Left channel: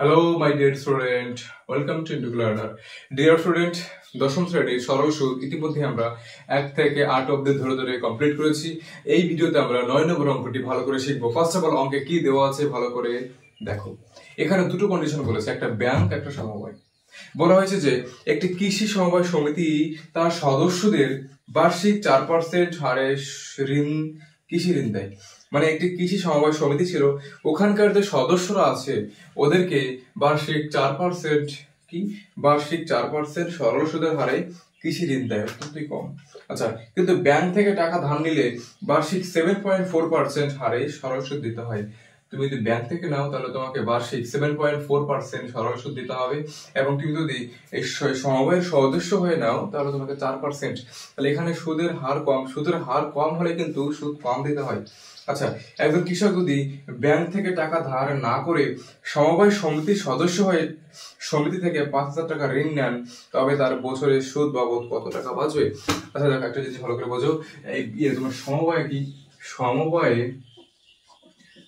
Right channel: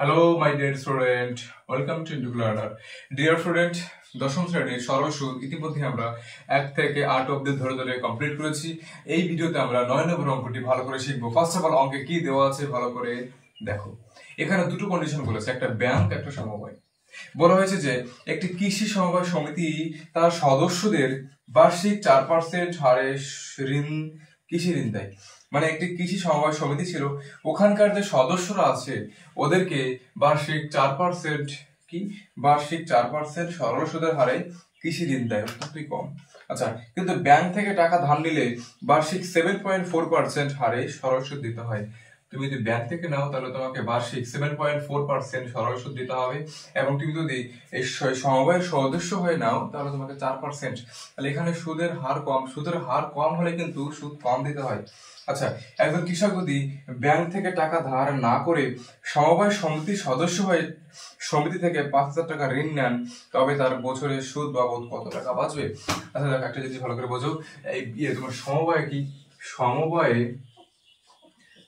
Hello my dear student, welcome to into learner. Dear student, দশম শ্রেণীর সরল সুদ ইতিমধ্যে আমরা 1 থেকে 8 অবধি ধরে ধরে কমপ্লিট করেছি। এই ভিডিওতে আমরা 9 নম্বর অঙ্কটি ভালো করে শিখবো। ফার্স্ট অফ অল অঙ্কে কি দেওয়া আছে ভালো করে দেখো। এখানে দুটো কন্ডিশন বলেছে, একটা ব্যাংক একটা সমবায়। বলা হয়েছে যে একটি কৃষি সমবায় সমিতি তার সদস্যদের বার্ষিক 4% হারে ঋণ কৃষি ঋণ দেয়। মানে একটি কৃষি সমবায় সমিতি ছিল, ওখানকার যে সদস্যরা আছে ওদেরকে বার্ষিক 4% বার্ষিক 4% সরল সুদের হারে কৃষি ঋণ দেয়, অত্যন্তই কম। আচ্ছা, কিন্তু ব্যাংক থেকে টাকা ধার নিলে বার্ষিক 7.4% হারে সরল সুদ দিতে হয়। তুমি যদি ব্যাংক থেকে নাও তাহলে তোমাকে বার্ষিক 7.4% সরল সুদ দিতে হবে, এবং তুমি যদি এই সমবায়ের সদস্য হয়ে নাও তাহলে তোমাকে 4%। তাহলে এখানে সুদের হার কম হলে কিন্তু সুদ কম দিতে হয়। আচ্ছা, একজন কৃষক যদি ব্যাংক থেকে টাকা ধার না করে সমবায় সমিতির সদস্য হয়ে সমিতি থেকে 5,000 টাকা ঋণ নেন, তবে তার বছরে সুদ বাবদ কত টাকা বাঁচবে? আচ্ছা দেখো, একটা জিনিস ভালো করে বোঝো। এই তোমার সমবায়ে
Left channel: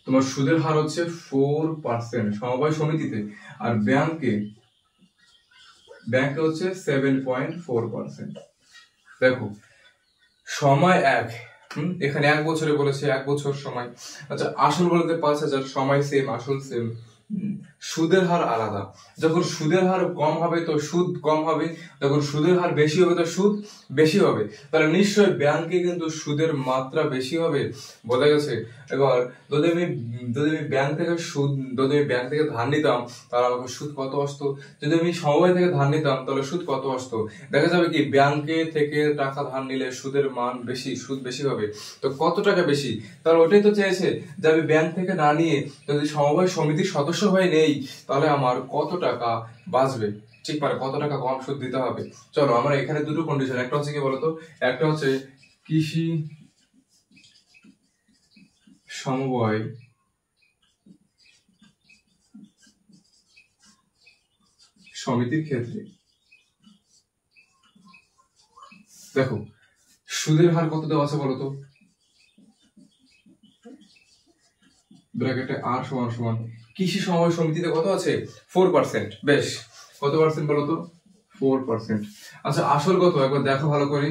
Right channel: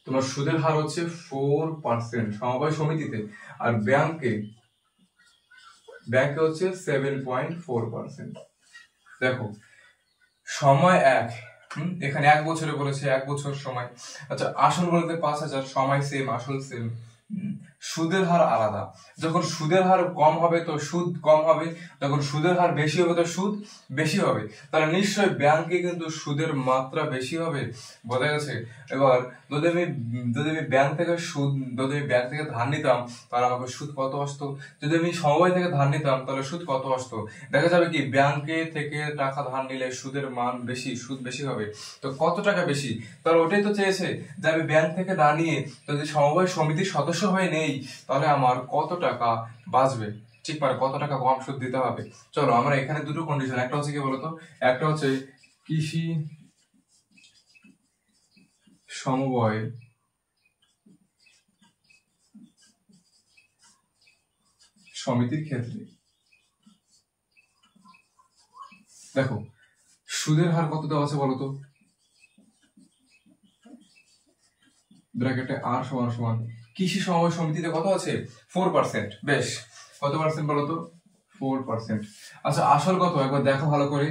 তোমার সুদের হার হচ্ছে 4% সমবায় সমিতিতে, আর ব্যাংকে হচ্ছে 7.4%। দেখো, সময় এক, এখানে 1 বছরে বলেছে, 1 বছর সময়। আচ্ছা, আসল বলতে 5,000, সময় সেম, আসল সেম, সুদের হার আলাদা। যখন সুদের হার কম হবে তো সুদ কম হবে, যখন সুদের হার বেশি হবে তো সুদ বেশি হবে। তাহলে নিশ্চয়ই ব্যাংকে কিন্তু সুদের মাত্রা বেশি হবে, বোঝা গেছে? এবার যদি আমি ব্যাংক থেকে ধার নিতাম তাহলে আমাকে সুদ কত আসতো, যদি আমি সমবায় থেকে ধার নিতাম তাহলে সুদ কত আসতো। দেখা যাবে কি ব্যাংকে থেকে টাকা ধার নিলে সুদের মান বেশি, সুদ বেশি হবে। তো কত টাকা বেশি? তাহলে ওটাই তো চেয়েছে যে আমি ব্যাংক থেকে না নিয়ে যদি সমবায় সমিতির সদস্য হয়ে নেই তাহলে আমার কত টাকা বাঁচবে, ঠিক মানে কত টাকা কম সুদ দিতে হবে। চলো, আমরা এখানে দুটো কন্ডিশন, একটা হচ্ছে কি বলতো, একটা হচ্ছে কৃষি সমবায় সমিতির ক্ষেত্রে দেখো সুদের হার কত দেওয়া আছে বলতো, ব্র্যাকেটে আর সমান সমান কৃষি সমবায় সমিতিতে কত আছে? 4%। বেশ, কত পার্সেন্ট বলতো? 4%। আচ্ছা, আসল কত একবার দেখো ভালো করে।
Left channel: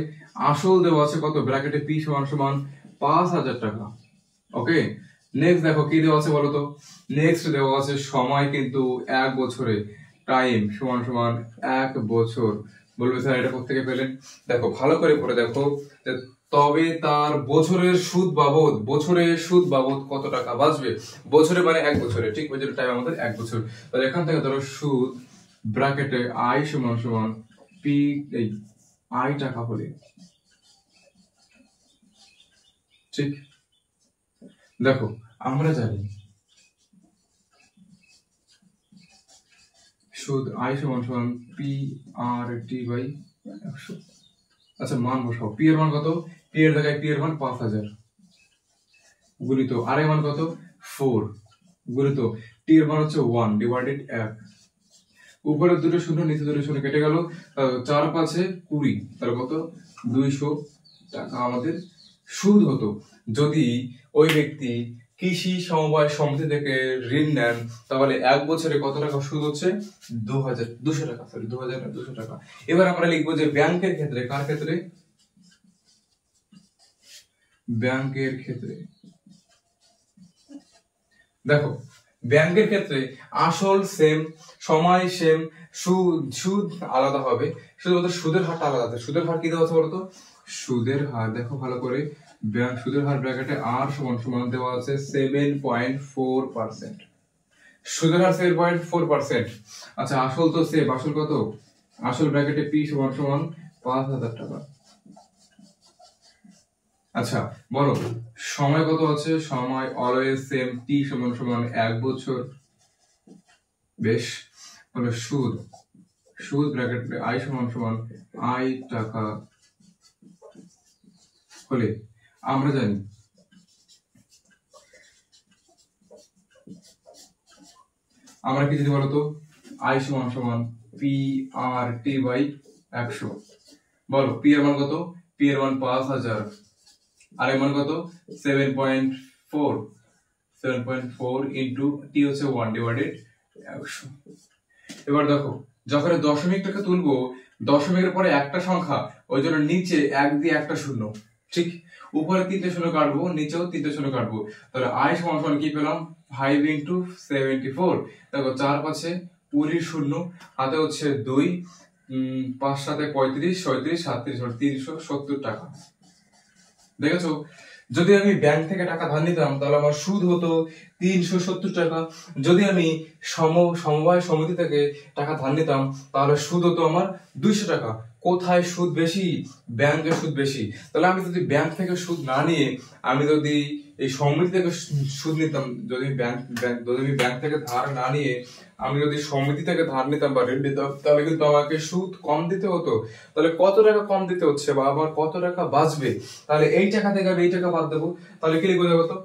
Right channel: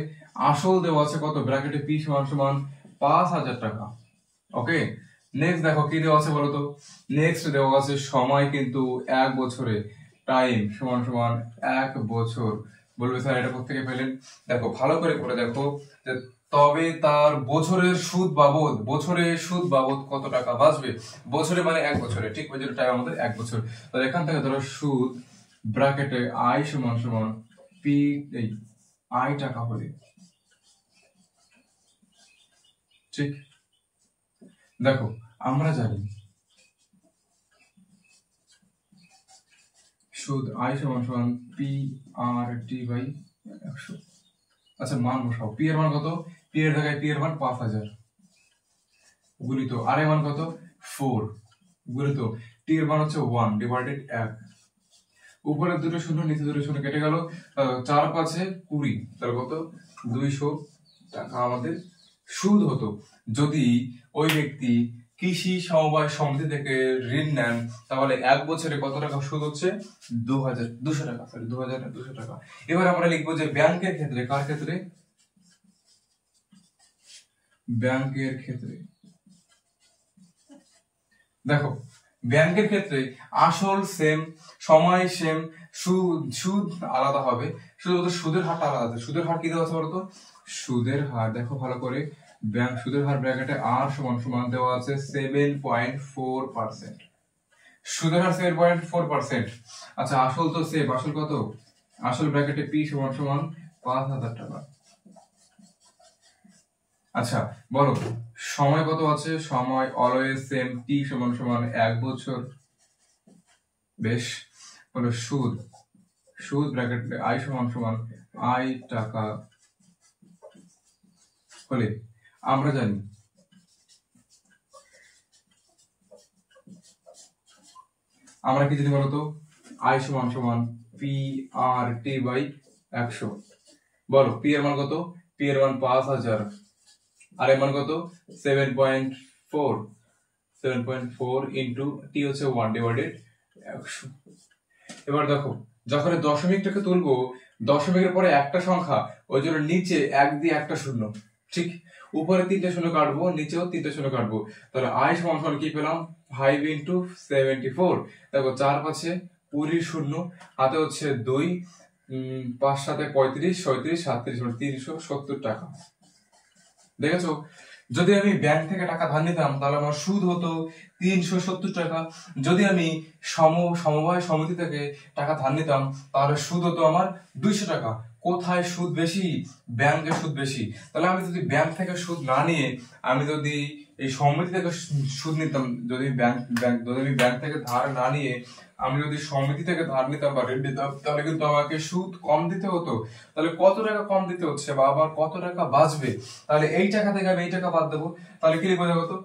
আসল দেওয়া আছে কত? ব্র্যাকেটে পি সমান সমান 5,000 টাকা। ওকে, নেক্সট দেখো কি দেওয়া আছে বলতো। নেক্সট দেওয়া আছে সময় কিন্তু 1 বছরে, টাইম সমান সমান 1 বছর। বলবে স্যার এটা কোথেকে পেলেন? দেখো ভালো করে পড়ে দেখো, তবে তার বছরের সুদ বাবদ কত টাকা বাঁচবে। বছরে মানে 1 বছরে, ঠিক ওই জন্য টাইম আমাদের 1 বছর। তাহলে এখান থেকে ধরো সুদ ব্র্যাকেটে আই সমান সমান পি, এই আই টাকা হলে, ঠিক। দেখো আমরা জানি সুদ আই সমান সমান পি আর টি বাই 100। আচ্ছা, মান বসাও। পি এর মান কত? পি এর জায়গায় পি এর মান 5,000 গুণিত আর এর মান কত? 4 গুণিত টি এর মান হচ্ছে 1 ডিভাইডেড 1। উপরে দুটো শূন্য, নিচে দুটো শূন্য কেটে গেল, 4 5 20, তাহলে কত? 200 টাকা আমাদের সুদ হতো যদি ওই ব্যক্তি কৃষি সমবায় সমিতি থেকে ঋণ নেন। তাহলে 1 বছরে কত টাকা সুদ হচ্ছে? 2,200 টাকা, সরি 2,200 টাকা। এবার আমরা লিখবো যে ব্যাংকের ক্ষেত্রে, কার ক্ষেত্রে? ব্যাংকের ক্ষেত্রে। দেখো ব্যাংকের ক্ষেত্রে আসল সেম, সময় সেম, সুদ আলাদা হবে, শুধুমাত্র সুদের হারটা আলাদা। সুদের হার কি দেওয়া আছে বলতো? সুদের হার দেখো ভালো করে, ব্যাংক সুদের হার ব্র্যাকেটে আর সমান সমান দেওয়া আছে 7.4%। সুদের হার 7.4%। আচ্ছা, আসল তো সেম, আসল কত? আসল ব্র্যাকেটে পি সমান সমান 5,000 টাকা। আচ্ছা বলো, সময় কত আছে? সময় অলওয়েজ সেম, টি সমান সমান 1 বছর। বেশ, বলো সুদ ব্র্যাকেট আই সমান সমান আই টাকা হলে আমরা জানি আমরা কি জানি বলতো? আই সমান সমান পি আর টি বাই 100। বলো পি এর মান কত? পি এর মান 5,000, আর এর মান কত? 7.4 ইন্টু টি হচ্ছে 1 ডিভাইডেড 100। এবার দেখো, যখন দশমিকটাকে তুলবো, দশমিকের পরে একটা সংখ্যা, ওই জন্য নিচে 1 দিয়ে একটা শূন্য, ঠিক। উপরে 3টে শূন্য কাটবো, নিচেও 3টে শূন্য কাটবো, তাহলে i সমান সমান কি পেলাম, 5 ইন্টু 74। দেখো 4 পাশে 20 শূন্য, হাতে হচ্ছে 2, 5 7 35, 37, 37, 370 টাকা। দেখেছো, যদি আমি ব্যাংক থেকে টাকা ধার নিতাম তাহলে আমার সুদ হতো 370 টাকা। যদি আমি সমবায় সমিতি থেকে টাকা ধার নিতাম তাহলে সুদ হতো আমার 200 টাকা। কোথায় সুদ বেশি? ব্যাংকে সুদ বেশি। তাহলে আমি যদি ব্যাংক থেকে সুদ না নিয়ে আমি যদি এই সমিতি থেকে সুদ নিতাম, যদি আমি ব্যাংক থেকে ধার না নিয়ে আমি যদি সমিতি থেকে ধার নিতাম বা ঋণ নিতাম, তাহলে কিন্তু আমাকে সুদ কম দিতে হতো। তাহলে কত টাকা কম দিতে হচ্ছে বা আবার কত টাকা বাঁচবে? তাহলে এই টাকা থেকে আমি এই টাকা বাদ দেবো। তাহলে কি লিখবো দেখো তো,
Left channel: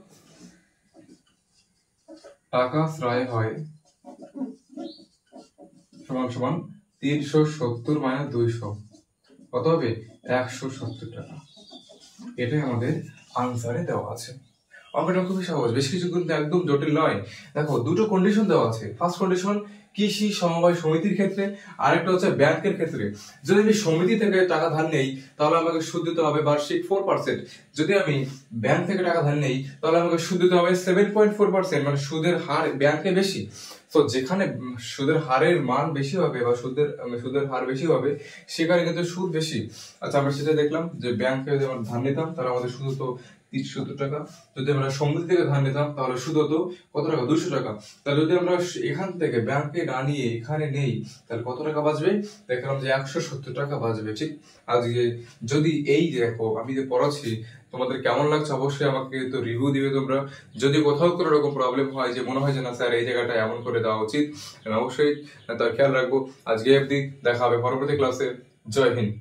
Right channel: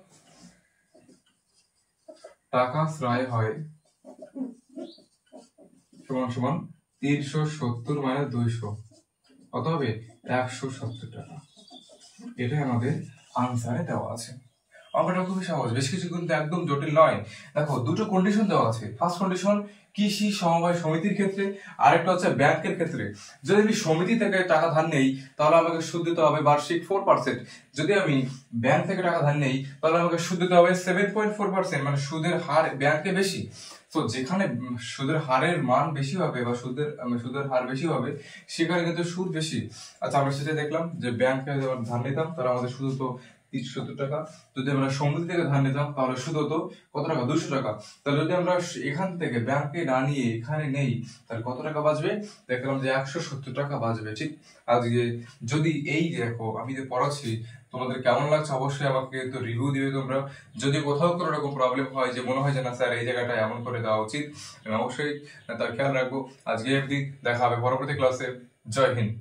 টাকা শ্রয় হয় সমান সমান 370 মাইনাস 200, কত হবে? 170 টাকা। এটাই আমাদের আনসারে দেওয়া আছে। অঙ্কটা খুবই সহজ, বেশ কিছু কিন্তু একদম জটিল নয়। দেখো, দুটো কন্ডিশন দেওয়া আছে। ফার্স্ট কন্ডিশন কৃষি সমবায় সমিতির ক্ষেত্রে, আরেকটা হচ্ছে ব্যাংকের ক্ষেত্রে। যদি আমি সমিতি থেকে টাকা ধার নেই তাহলে আমাকে সুদ দিতে হবে বার্ষিক 4%। যদি আমি ব্যাংক থেকে টাকা ধার নেই তাহলে আমাকে সুদ দিতে হবে 7.4%, মানে সুদের হার ব্যাংকে বেশি। তো যেখানে সুদের হারের মান বেশি হবে বা সুদের হার বেশি হবে, সেখানে কিন্তু সুদ বেশি। আচ্ছা, আমরা সেটা দেখলাম যে ব্যাংকে যদি আমরা ধার নিতাম তাহলে আমাদের সুদ হতো 370 টাকা। যদি আমরা সমিতি থেকে ধার নিতাম তাহলে সুদ হতো কত টাকা? 200 টাকা। তাহলে যদি আমরা এখান থেকে ব্যাংকে না নিয়ে এখানে নেই তাহলে কত টাকা বাঁচবে? দেখলাম যে 170 টাকা বাঁচবে, ঠিক। আজকে যদি এই দেখো আমি যে পড়াচ্ছি তোমাদের কেমন লাগছে অবশ্যই আমাকে তো রিভিউ দিবে তোমরা। যদি কোথাও কোনো রকম প্রবলেম হয়, যে মনে হয় যে না স্যার এই জায়গাটা এমন করে দেওয়া উচিত, আমি অবশ্যই তার খেয়াল রাখবো। আজকে অবধি, দেখা হবে পরবর্তী ক্লাসে। জয় হিন্দ।